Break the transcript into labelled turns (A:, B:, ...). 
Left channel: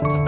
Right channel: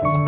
A: thank you